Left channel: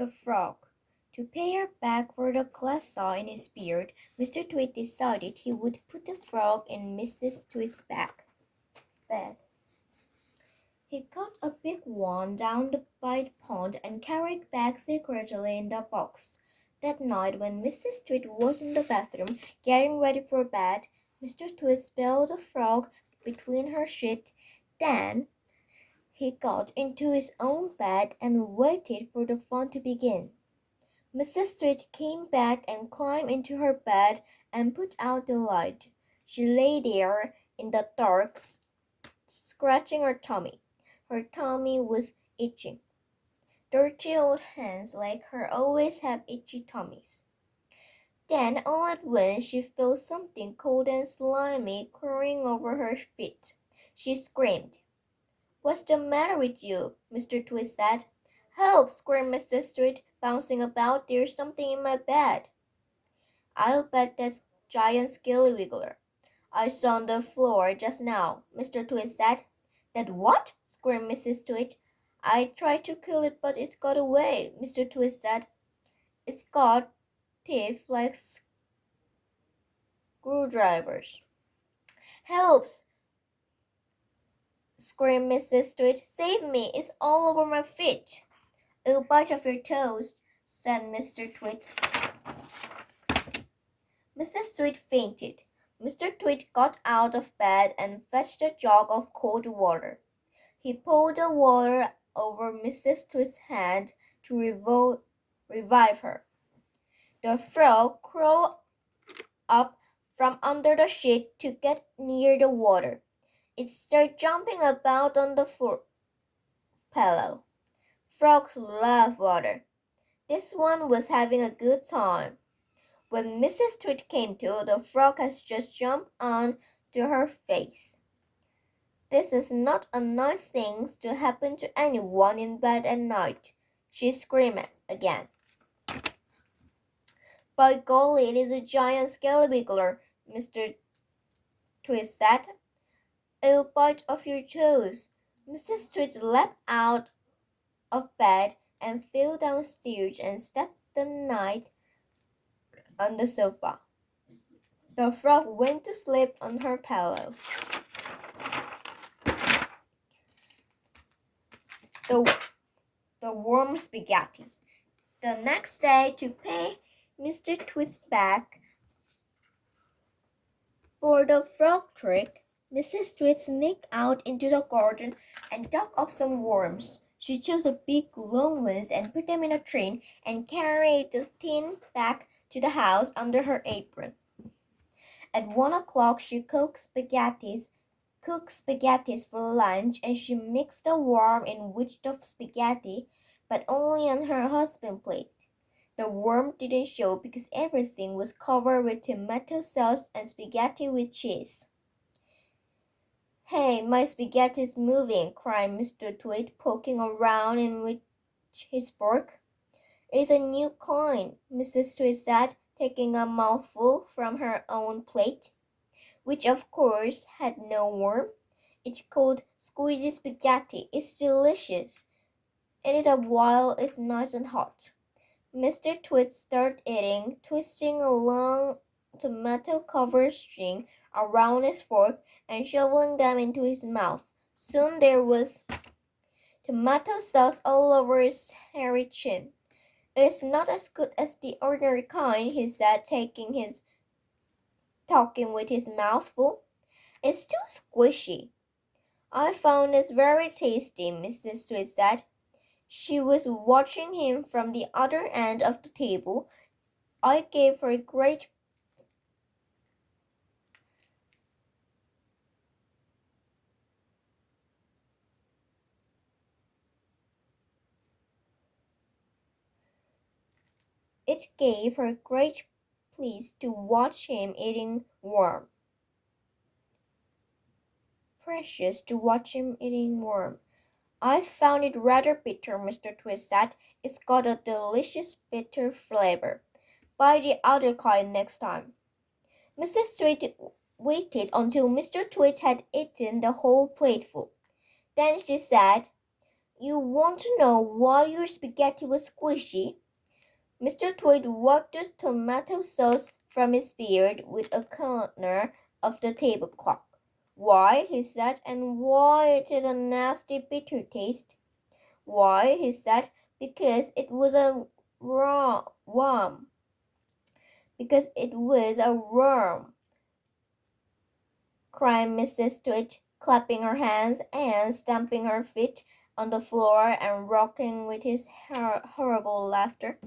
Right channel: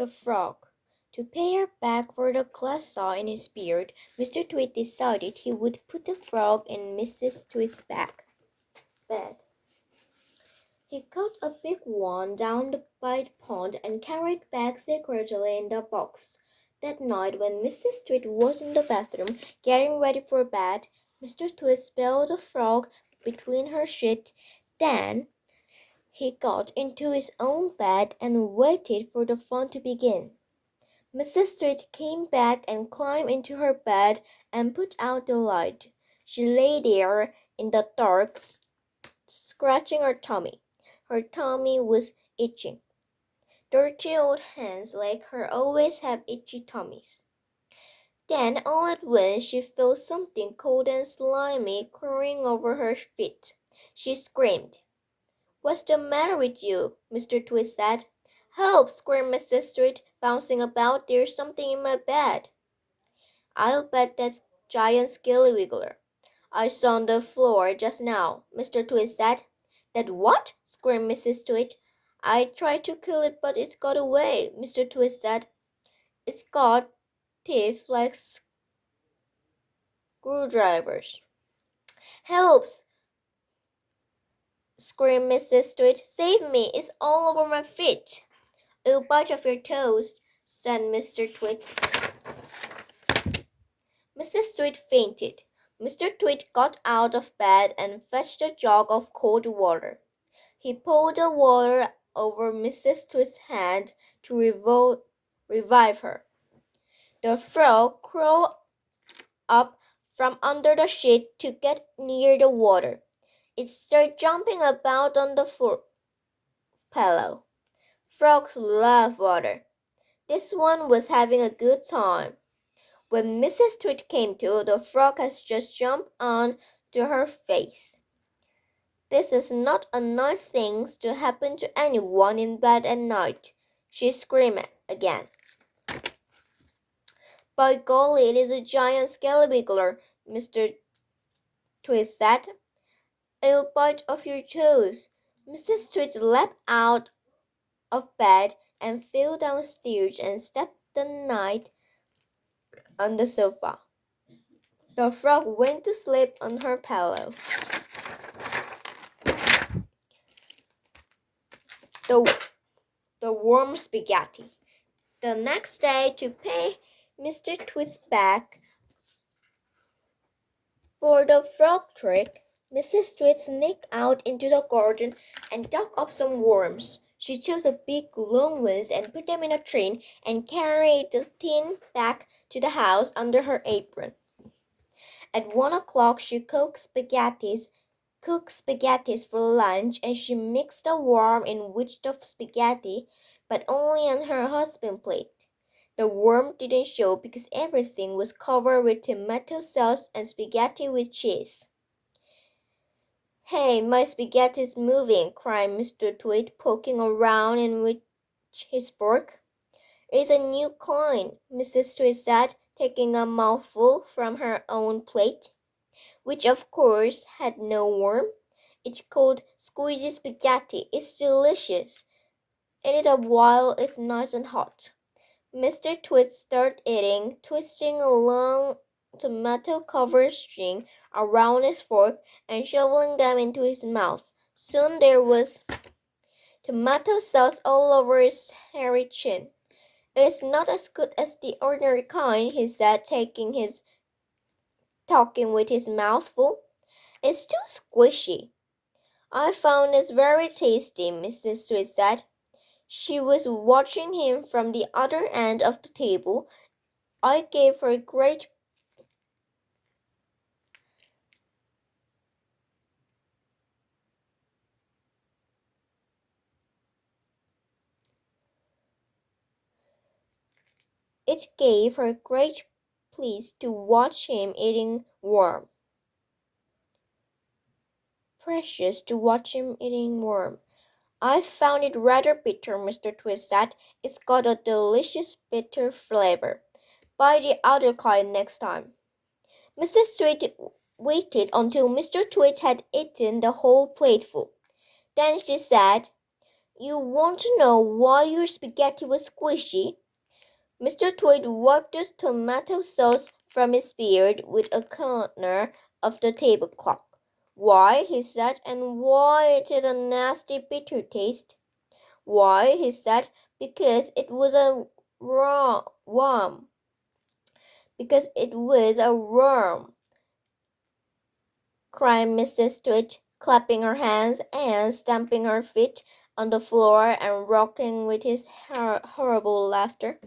the frog. To pay her back for the glass saw in his beard, Mr. Tweed decided he would put the frog in Mrs. Tweed's bed. He cut a big one down by the pond and carried back secretly in the box. That night, when Mrs. Tweed was in the bathroom getting ready for bed, Mr. Tweed spilled the frog between her sheets. Then he got into his own bed and waited for the fun to begin. Mrs. Tweed came back and climbed into her bed and put out the light. She lay there in the dark, scratching her tummy. Her tummy was itching. Dirty old hens like her always have itchy tummies. Then all at once she felt something cold and slimy crawling over her feet. She screamed. "What's the matter with you?" Mr. Tweed said. "Help!" screamed Mrs. Tweed, bouncing about. "There's something in my bed." "I'll bet that's giant skillywiggler I saw on the floor just now," Mr. Tweed said. "That what?" screamed Mrs. Tweed. "I tried to kill it, but it's got away," Mr. Tweed said. "It's got teeth like screwdrivers." "Help!" screamed Mrs. Tweed. "Save me! It's all over my feet." "It'll bite off your toes," said Mr. Tweed. Mrs. Tweed fainted. Mr. Tweed got out of bed and fetched a jug of cold water. He poured the water over Mrs. Tweed's hand to revive her. The frog crawled up from under the sheet to get near the water. It started jumping about on the pillow. Frogs love water. This one was having a good time. When Mrs. Tweed came to, the frog had just jumped on to her face. "This is not a nice thing to happen to anyone in bed at night," she screamed again. "By golly, it is a giant scallywiggler," Mr. Tweed said. "It'll bite off your toes." Mrs. Tweed leapt out of bed and flew downstairs and stepped the night on the sofa. The frog went to sleep on her pillow. The warm spaghetti. The next day, to pay Mr. Tweed's back for the frog trick, Mrs. Tweed sneaked out into the garden and dug up some worms. She chose a big long ones and put them in a tin and carried the tin back to the house under her apron. At 1 o'clock, she cooked spaghettis for lunch, and she mixed the worm in with the spaghetti, but only on her husband's plate. The worm didn't show because everything was covered with tomato sauce and spaghetti with cheese. "Hey, my spaghetti's moving," cried Mr. Tweed, poking around in with his fork. "It's a new kind," Mrs. Tweed said, taking a mouthful from her own plate, which of course had no worm. "It's called squeezy spaghetti. It's delicious. Eat it a while it's nice and hot." Mr. Tweed started eating, twisting a long tomato-covered string around his fork and shoveling them into his mouth. Soon there was tomato sauce all over his hairy chin. "It is not as good as the ordinary kind," he said, talking with his mouth full. "It's too squishy." "I found this very tasty," Mrs. Tweed said. She was watching him from the other end of the table. It gave her great pleasure to watch him eating worm. Precious to watch him eating worm. "I found it rather bitter," Mr. Tweed said. "It's got a delicious bitter flavor. Buy the other kind next time." Mrs. Tweed waited until Mr. Tweed had eaten the whole plateful. Then she said, You want to know why your spaghetti was squishy? Mr. Tweed wiped the tomato sauce from his beard with a corner of the tablecloth. Why, he said, and why it had a nasty bitter taste? Why, he said, because it was a worm. Because it was a worm, cried Mrs. Tweed, clapping her hands and stamping her feet on the floor and rocking with his horrible laughter.